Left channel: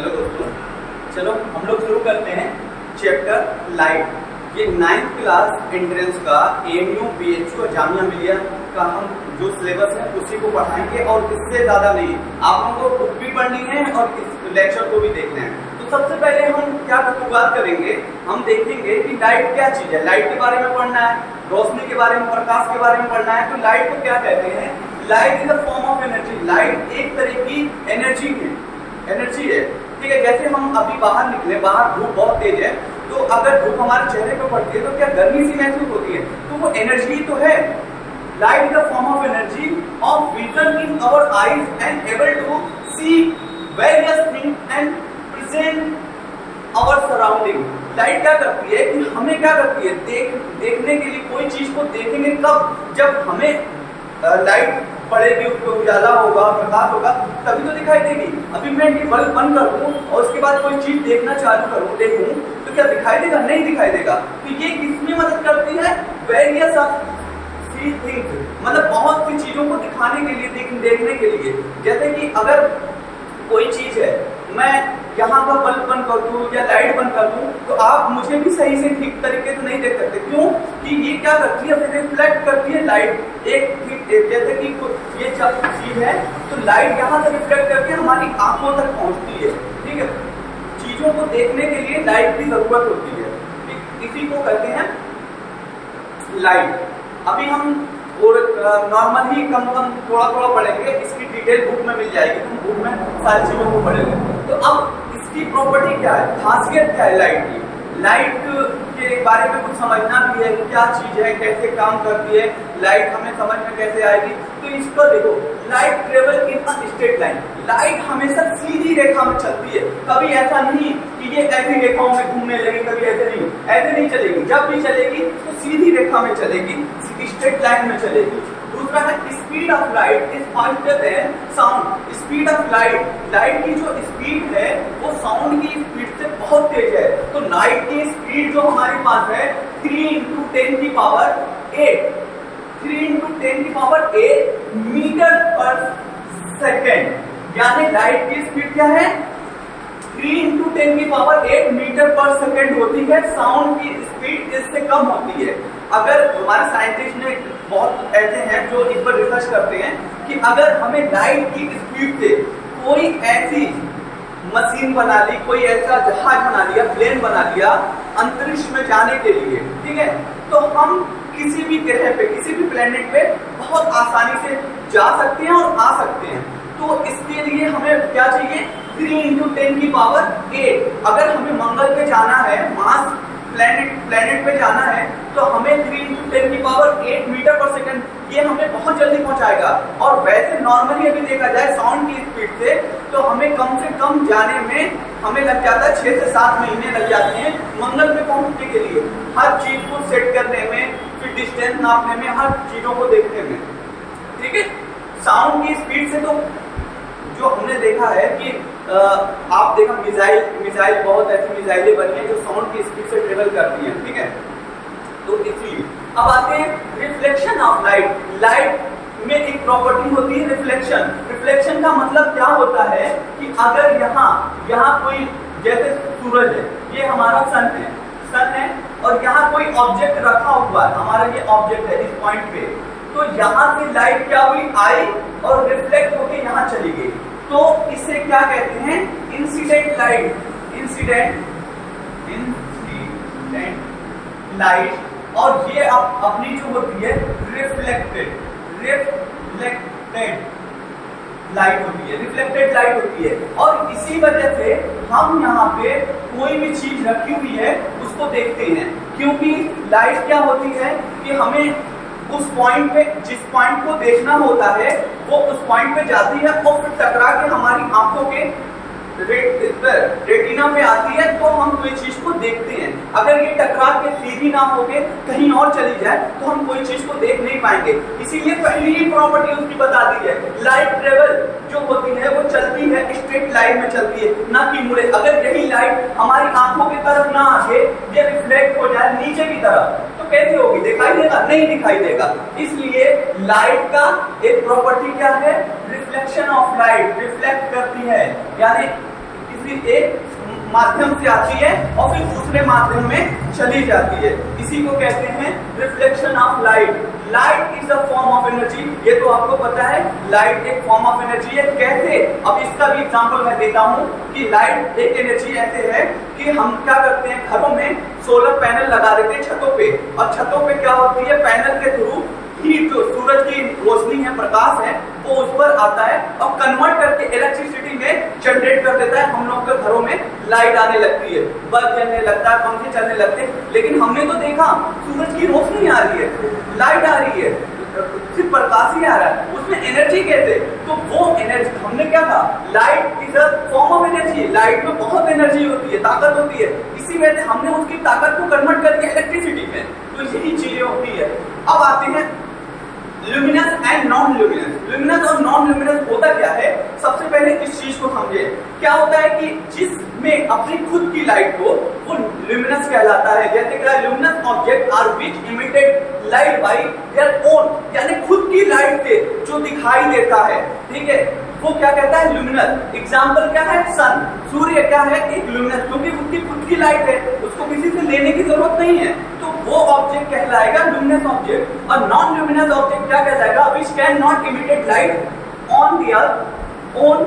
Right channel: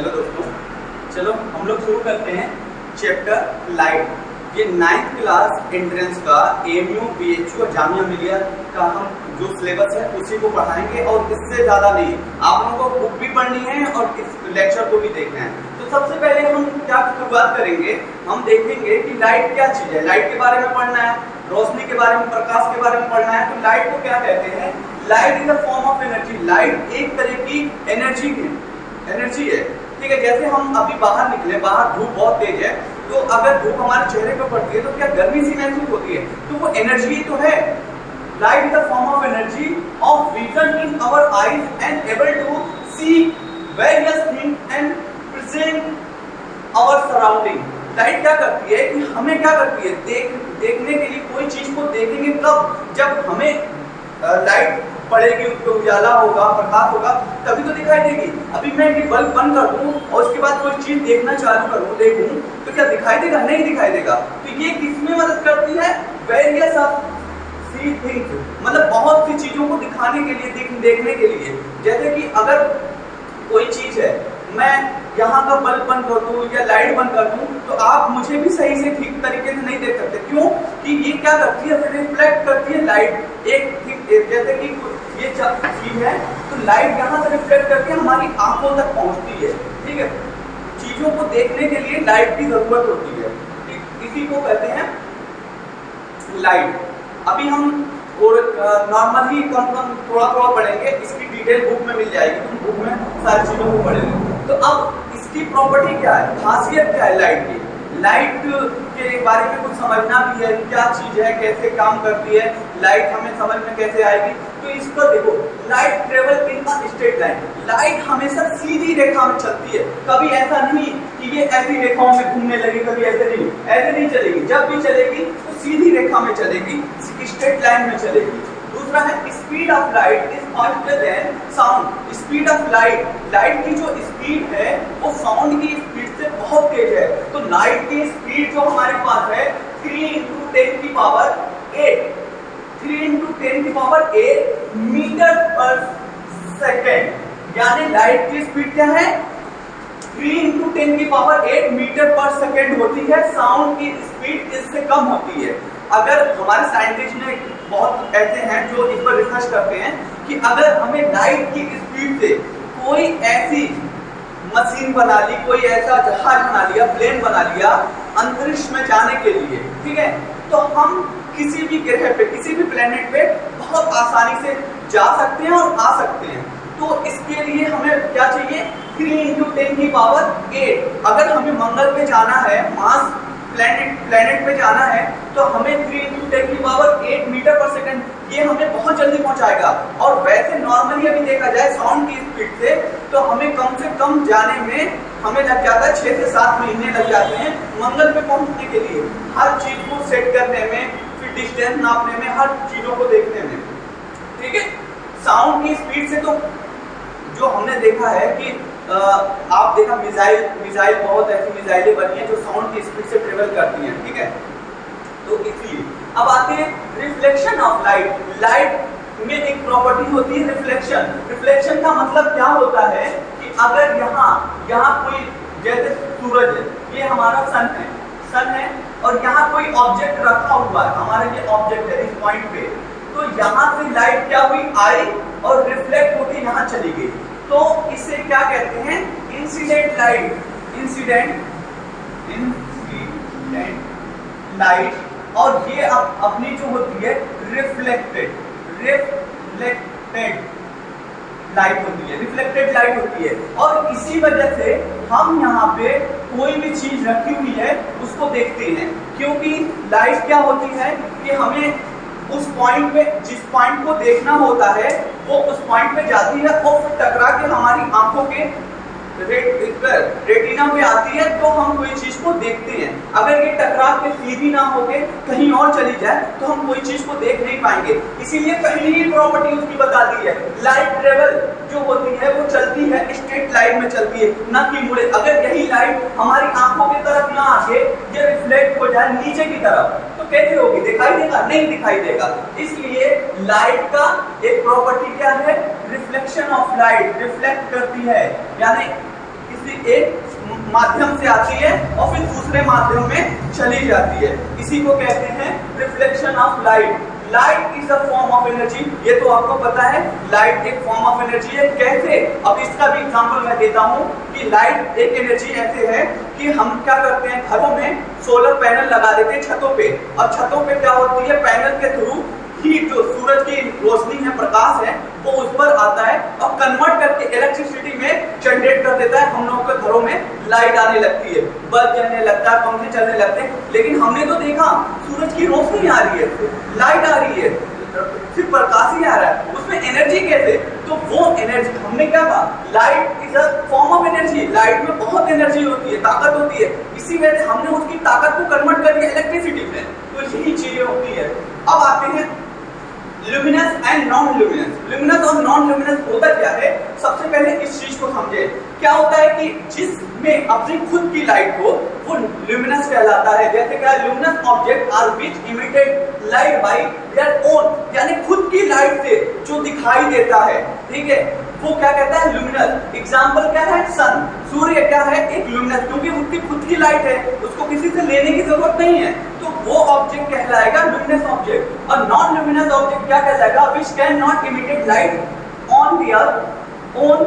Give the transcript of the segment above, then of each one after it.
Hello दोस्तों, चलो हम लोग शुरू करते हैं चैप्टर लाइट। ये 9th क्लास एंट्रेंस का AMU BHU और जामिया मिलिया का हम जो सिलेबस है उसी को पढ़ाएंगे और इससे ज़्यादा नहीं। आप लोगों को बुक भी पढ़नी है और इस लेक्चर को भी देखना है। तो सबसे पहले हम क्या शुरुआत करेंगे, हम देखेंगे कि लाइट क्या चीज़ है। लाइट के बारे में पढ़ना है, रोशनी के बारे में, प्रकाश के बारे में पढ़ना है। तो लाइट को क्या कहते हैं? Light is a form of energy. Light एक तरह की एनर्जी है, ठीक है। जैसे हम अभी बाहर निकले, बाहर धूप बहुत तेज है, तो अगर धूप हमारे चेहरे पे पड़ती है तो क्या गर्मी सी महसूस होती है? तो वो एनर्जी तो है। Light is the form of energy of vision in our eyes and able to see various things and present our surrounding. Light क्या करती है कि हमें क्या करती है, देखने के लिए कोई चीज को देखेंगे कब, जब हमें लाइट पड़ेगी, उस पर उजाला होगा, प्रकाश होगा, तभी तो दिखाई देगी। अभी मैं ये बल्ब बंद कर दूं और उसके बाद कोई चीज देखना चालू करूं, देखूं, तो क्या दिखाई देगा? नहीं दिखाई देगा। तो ये किसमें मदद करती है? वेरियस ऑफ सी थिंग्स, मतलब बहुत सी चीजों को दिखाने के लिए, देखने के लिए। जैसे कि अगर कोई चीज है, मैं यहाँ का बल्ब बंद कर दूं या लाइट बंद कर दूं, तो आप मुझे भी सही से ठीक तरीके से नहीं देख सकते। क्यों? कि ये क्या करती है, रिफ्लेक्ट करती है लाइट। जैसे कि ये चीज है, तो लाइट यहाँ से रिफ्लेक्ट करके हमारी आंखों तक पहुँचती है, ठीक है। चीजों को देखने के लिए लाइट की जरूरत होती है, इसी को कहते हैं लाइट। अभी हम नॉर्मल ही कम थोड़ा पढ़ेंगे, इसकी डिटेल बुक में मिल जाएगी, हम बुक में सारी चीजों को पढ़ेंगे। तो अब इसकी प्रॉपर्टी क्या है, खासियत क्या है लाइट की? लाइट के बारे में कुछ समझना भी है, क्या चीज है, कैसे काम करती है, लाइट हमें समझ में कैसे आएगी। तो इसको देखो, light travel in a straight line. Light हमेशा सीधी रेखा में चलती है, कभी ऐसा नहीं कि ये ऐसी रेखाओं में घूमने लगी, कभी ऐसे नहीं चलेगी। जब भी चलेगी तो सीधी रेखा में चलेगी, स्ट्रेट लाइन में चलेगी। दूसरा है speed of light is faster than sound. Speed of light की जो स्पीड है वो साउंड की स्पीड से बहुत तेज है। तो लाइट की स्पीड जो हमारे पास है 3 × 10 की पावर 8 मीटर पर सेकेंड। यानी लाइट की स्पीड क्या है? 3 × 10 की पावर 8 मीटर पर सेकेंड होती है। साउंड की स्पीड इससे कम होती है। अगर हमारे साइंटिस्ट ने बहुत ऐसे हैं जो इस पर रिसर्च करते हैं कि अगर हमें लाइट की स्पीड से कोई ऐसी मशीन बना ली, कोई ऐसा जहाज बना लिया, प्लेन बना लिया अंतरिक्ष में जाने के लिए, ठीक है, तो हम किसी भी ग्रह पे, किसी भी प्लेनेट पे बहुत आसानी से जा सकते हैं और आ सकते हैं। तो इसके लिए हमें क्या चाहिए? 3 × 10 की पावर 8। अगर हमें मंगल पे जाना है, मार्स प्लेनेट पे जाना है, तो हमें 3 × 10 की पावर 8 मीटर पर सेकंड, ये हमें बहुत जल्दी पहुंचाएगा। और वैसे नॉर्मली अभी देखा जाए साउंड की स्पीड से, तो हमें कम से कम जाने में हमें लग जाता है 6 से 7 महीने लग जाते हैं मंगल पे पहुंचने के लिए, हर चीज को सेट करने में, फिर डिस्टेंस नापने में, हर चीजों को देखने में, ठीक है। साउंड की स्पीड से तो जो हमने देखा है कि आप देखा मिसाइल बहुत ऐसी मिसाइलें बनी हैं जो साउंड की स्पीड से ट्रेवल करती हैं, ठीक है। तो इसलिए अब आते हैं रिफ्लेक्शन ऑफ लाइट में एक प्रॉपर्टी होती है रिफ्लेक्शन। रिफ्लेक्शन का मतलब क्या होता है कि अगर यहाँ कोई, जैसे सूरज है, ये हमारा सन है और यहाँ कोई ऑब्जेक्ट रखा हुआ है, हमारा ये ऑब्जेक्ट है इस पॉइंट पे, तो यहाँ से लाइट क्या हुई, आई और रिफ्लेक्ट होकर यहाँ चली गई। तो इसे क्या कहते हैं? Incident light. और ये अपनी जो होती है रिफ्लेक्टेड लाइट होती है। और इसी वजह से हम यहाँ पे कोई भी चीज रखी हुई है उसको देखते हैं, क्योंकि लाइट क्या होती है कि हमें उस पॉइंट पे, जिस पॉइंट को देखना होता है वो उस पॉइंट पे जाती है और फिर टकरा के हमारी आंखों के रेटिना पे आती है, तो हम कोई चीज को देखते हैं। अगर ये टकरा के सीधी ना होके कहीं और चली जाए तो हम कोई चीज को देख नहीं पाएंगे। इसीलिए पहली ही प्रॉपर्टी उसकी बता दी है, लाइट ट्रेवल जो होती है वो चलती है स्ट्रेट लाइन में चलती है, ना कि मुड़े। अगर यही लाइट हमारी आंखों की तरफ ना आके ये रिफ्लेक्ट हो जाए नीचे की तरफ, तो कैसे होगी? दिखाई देगा? नहीं दिखाई देगा। इसलिए लाइट का एक प्रॉपर्टी क्या है? रिफ्लेक्शन ऑफ लाइट, रिफ्लेक्ट करती है, यानी किसी एक माध्यम से आती है और फिर दूसरे माध्यम में चली जाती है। इसी को कहते हैं reflection of light. Light is a form of energy, ये तो आपको पता है, लाइट एक फॉर्म ऑफ एनर्जी है। कैसे? अब इसका भी एग्जांपल मैं देता हूँ कि लाइट एक एनर्जी ऐसे है कि हम क्या करते हैं, घरों में सोलर पैनल लगा देते हैं छतों पे, और छतों पे क्या होती है, पैनल के थ्रू हीट, जो सूरज की रोशनी है, प्रकाश है, वो उस पर आता है और कन्वर्ट करके इलेक्ट्रिसिटी में जनरेट कर देता है। हम लोग के घरों में लाइट आने लगती है, बल्ब जलने लगता है, पंखे चलने लगते हैं। लेकिन हमने तो देखा सूरज की रोशनी आ रही है, लाइट आ रही है, सिर्फ प्रकाश ही आ रहा है, उसमें एनर्जी कैसे? तो वो एनर्जी हमने क्या कहा, light is a form of energy. Light में बहुत एनर्जी होती है, ताकत होती है, इसी वजह से हमने उसकी ताकत को कन्वर्ट कर दिया इलेक्ट्रिसिटी में। तो यही चीजें होती है। अब आते हैं luminous and non luminous. Luminous और नॉन ल्यूमिनस होता क्या है, सबसे पहले इस चीज को समझे। क्या होता है कि जिसमें अपनी खुद की लाइट हो वो ल्यूमिनस कहलाता है। जैसे क्या, luminous object are which emitted light by their own, यानी खुद की लाइट से जो दिखाई देता है, ठीक है, वो क्या कहता है, ल्यूमिनस। एग्जांपल क्या है, सन, सूर्य क्या है, एक ल्यूमिनस, क्योंकि उसकी खुद की लाइट है, उसको किसी से लेने की जरूरत नहीं है, तो वो ऑब्जेक्ट कहलाएगा ल्यूमिनस ऑब्जेक्ट। और नॉन ल्यूमिनस ऑब्जेक्ट क्या कहलाएगा, which can not imitate light on their own,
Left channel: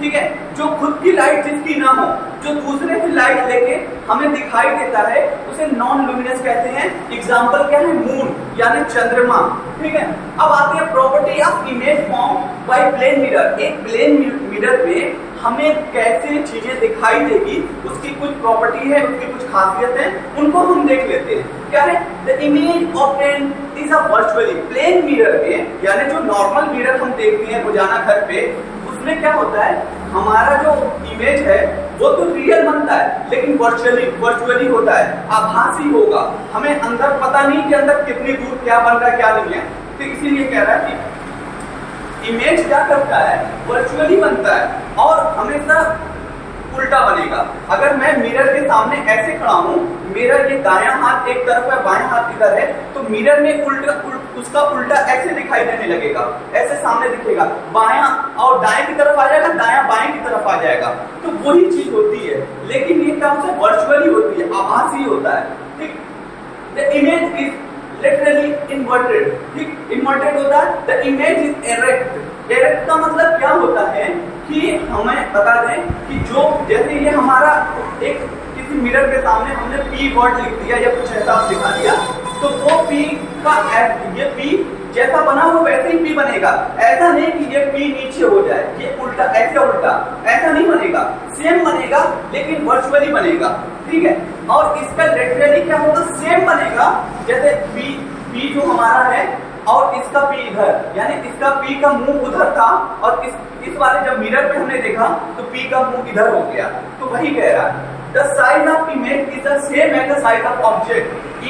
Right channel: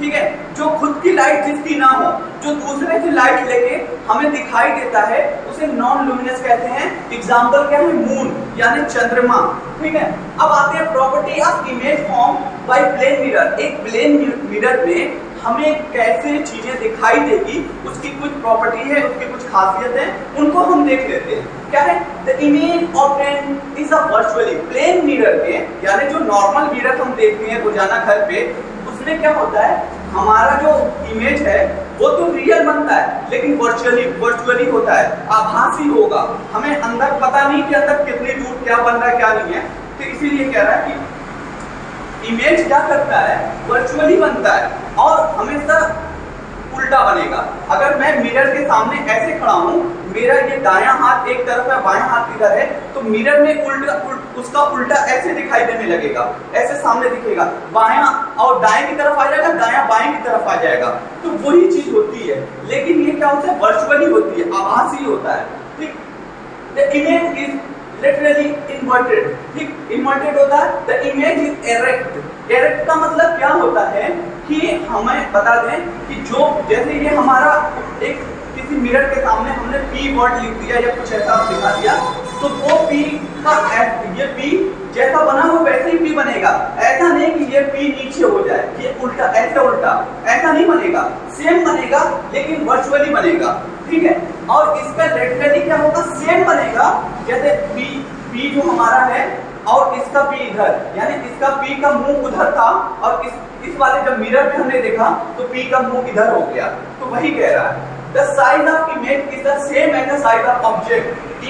ठीक है, जो खुद की लाइट जिसकी ना हो, जो दूसरे की लाइट लेके हमें दिखाई देता है, उसे नॉन लुमिनस कहते हैं। एग्जांपल क्या है, मून यानी चंद्रमा, ठीक है। अब आते हैं property of image form by plane mirror. एक प्लेन मिरर में हमें कैसे चीजें दिखाई देगी, उसकी कुछ प्रॉपर्टी है, उसकी कुछ खासियत है, उनको हम देख लेते हैं। क्या है, the image obtained is a virtually. Plane mirror में, यानी जो नॉर्मल मिरर हम देखते हैं रोजाना घर पे, उसमें क्या होता है, हमारा जो इमेज है वो तो रियल बनता है, लेकिन वर्चुअली होता है, आभासी होगा। हमें अंदर पता नहीं कि अंदर कितनी दूर क्या बन रहा है क्या नहीं है। तो इसीलिए कह रहा है कि इमेज क्या करता है, वर्चुअली बनता है और हमेशा उल्टा बनेगा। अगर मैं मिरर के सामने ऐसे खड़ा हूँ, मेरा ये दायां हाथ एक तरफ है, बायां हाथ इधर है, तो मिरर में उसका उल्टा ऐसे दिखाई देने लगेगा, ऐसे सामने दिखेगा, बायां और दाएं की तरफ आ जाएगा, दायां बाएं की तरफ आ जाएगा। तो वही चीज होती है, लेकिन ये क्या होता है, वर्चुअली होती है, आभासी होता है, ठीक। The image is literally inverted, ठीक, इन्वर्टेड होता है। The image is erect. Erect का मतलब क्या होता है कि हमें बता दें कि जो, जैसे ये हमारा एक किसी मिरर के सामने हमने पी वर्ड लिख दिया या कुछ ऐसा दिखा दिया, तो वो पी का ये पी जैसा बना हुआ वैसे ही पी बनेगा। ऐसा नहीं कि ये पी नीचे हो जाए, ये उल्टा, ऐसे उल्टा ऐसा नहीं बनेगा, सेम बनेगा लेकिन वर्चुअली बनेगा, ठीक है। और इसका लिटरली क्या होगा, सेम बनेगा। जैसे पी जो हमारा है और इसका पी इधर, यानी इसका पी का मुंह उधर था और इस वाले जब मिरर में हमने देखा तो पी का मुंह इधर हो गया। तो वही कह रहा है, the size of image is the same as the size of object.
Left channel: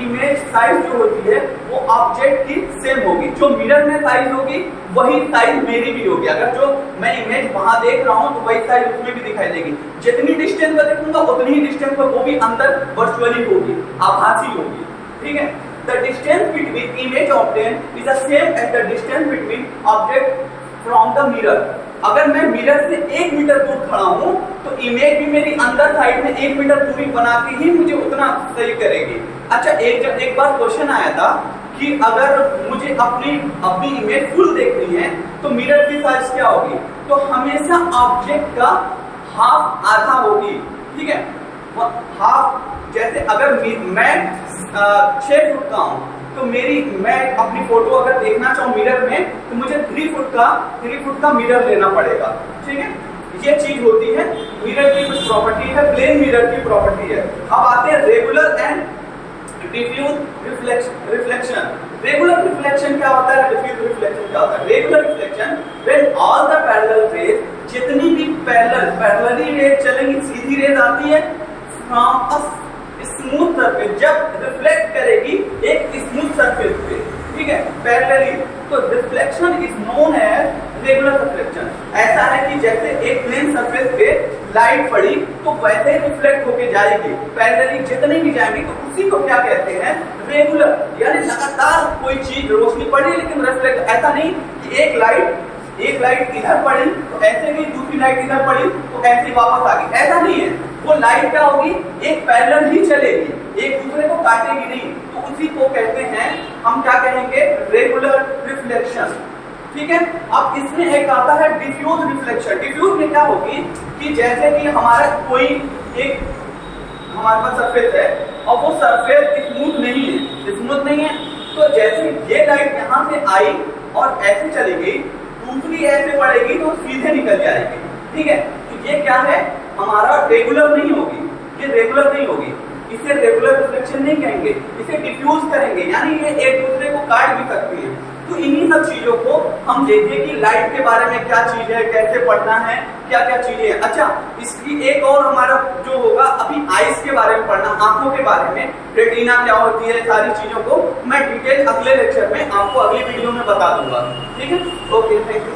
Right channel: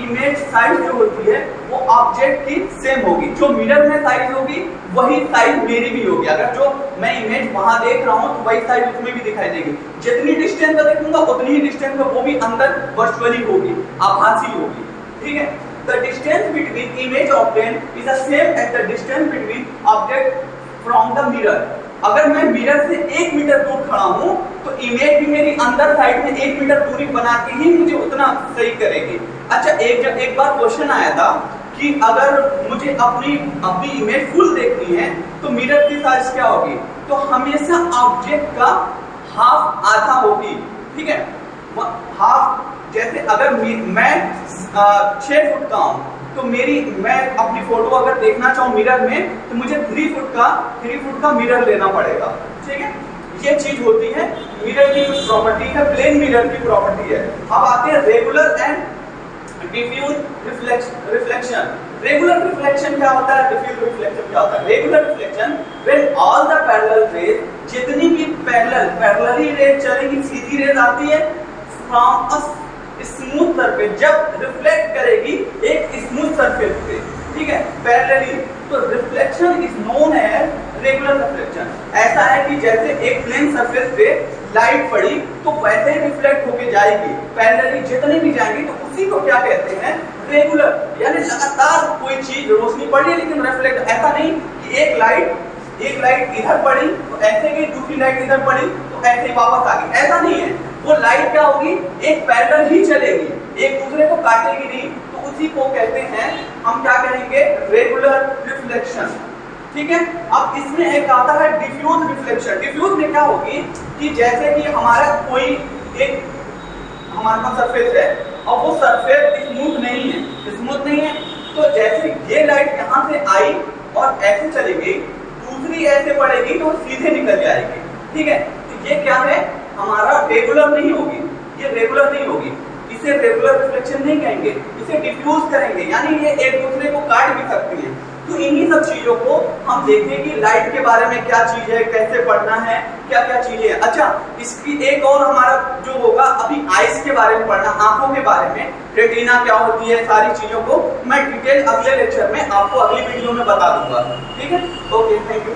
Image size जो होती है वो ऑब्जेक्ट की सेम होगी, जो मिरर में साइज होगी वही साइज मेरी भी होगी। अगर जो मैं इमेज वहां देख रहा हूं तो वही साइज उसमें भी दिखाई देगी। जितनी डिस्टेंस पर देखूंगा उतनी ही डिस्टेंस पर वो भी अंदर वर्चुअली होगी, आभासी होगी, ठीक है। The distance between image obtained is the same as the distance between object from the mirror. अगर मैं मिरर से 1 मीटर दूर खड़ा हूँ तो इमेज भी मेरी अंदर साइड में 1 मीटर दूरी बना के ही मुझे उतना सही करेगी। अच्छा, एक बार क्वेश्चन आया था कि अगर मुझे अपनी इमेज फुल देखनी है तो मिरर की साइज क्या होगी, तो हमेशा ऑब्जेक्ट का हाफ आधा होगी, ठीक है, हाफ। जैसे अगर मैं 6 फुट का हूँ तो मैं अपनी फोटो अगर देखना चाहूँ मिरर में तो मुझे 3 फुट का मिरर लेना पड़ेगा, ठीक है। ये चीज होती है मिरर की कुछ प्रॉपर्टी है, प्लेन मिरर की प्रॉपर्टी है। अब आते हैं regular and diffuse reflection. Regular reflection क्या होता है, डिफ्यूज रिफ्लेक्शन क्या होता है। Regular reflection when all the parallel rays, जितनी भी पैरेलली रेज चलेंगी, सीधी रेज आती है फ्रॉम अ स्मूथ सरफेस, जब रिफ्लेक्ट करेगी एक स्मूथ सरफेस पे, ठीक है, पैरेलली, तो reflection is known as regular reflection. ऐसा है कि जैसे एक प्लेन सरफेस पे लाइट पड़ी तो वैसे ही रिफ्लेक्ट होके जाएगी, पैरेलली जितनी भी जाएंगी, तो उसी को क्या कहते हैं, रेगुलर। यानी लगातार कोई चीज रोशनी पड़ी लेकिन रिफ्लेक्ट, ऐसा नहीं कि एक लाइट एक एक लाइट इधर पड़ी तो ऐसे गई, दूसरी लाइट इधर पड़ी तो ऐसे ही वापस आ गई, ऐसा नहीं है। वो लाइट क्या होगी, एक पैरेलल ही चलेगी, एक दूसरे को काटेगी नहीं। तो उसी को कहते हैं, हम क्या कहेंगे, रेगुलर रिफ्लेक्शन। ठीक है। अब इसमें एक आता है डिफ्यूज रिफ्लेक्शन। डिफ्यूज में क्या होगी कि जैसे कि हमारा कोई एक हमारे पास सरफेस है और वो सरफेस स्मूथ नहीं है, स्मूथ नहीं है, तो जैसे ये लाइट यहाँ से आई और ऐसे चली गई, दूसरी ऐसे पड़ेगी तो सीधे निकल जाएगी। ठीक है। तो ये क्या है, हमारा रेगुलर नहीं होगी, ये रेगुलर नहीं होगी, इसे रेगुलर रिफ्लेक्शन नहीं कहेंगे, इसे डिफ्यूज करेंगे, यानी ये एक दूसरे को काट भी सकती है। तो इन्हीं सब चीजों को हम देखें कि लाइट के बारे में क्या चीज है, कैसे पढ़ना है, क्या क्या चीजें हैं। अच्छा, इसकी एक और हमारा जो होगा, अभी आइस के बारे में पढ़ना, आंखों के बारे में, रेटिना क्या होती है, सारी चीजों को मैं डिटेल अगले लेक्चर में आपको अगली वीडियो में बता दूंगा। ठीक है, ओके, थैंक यू।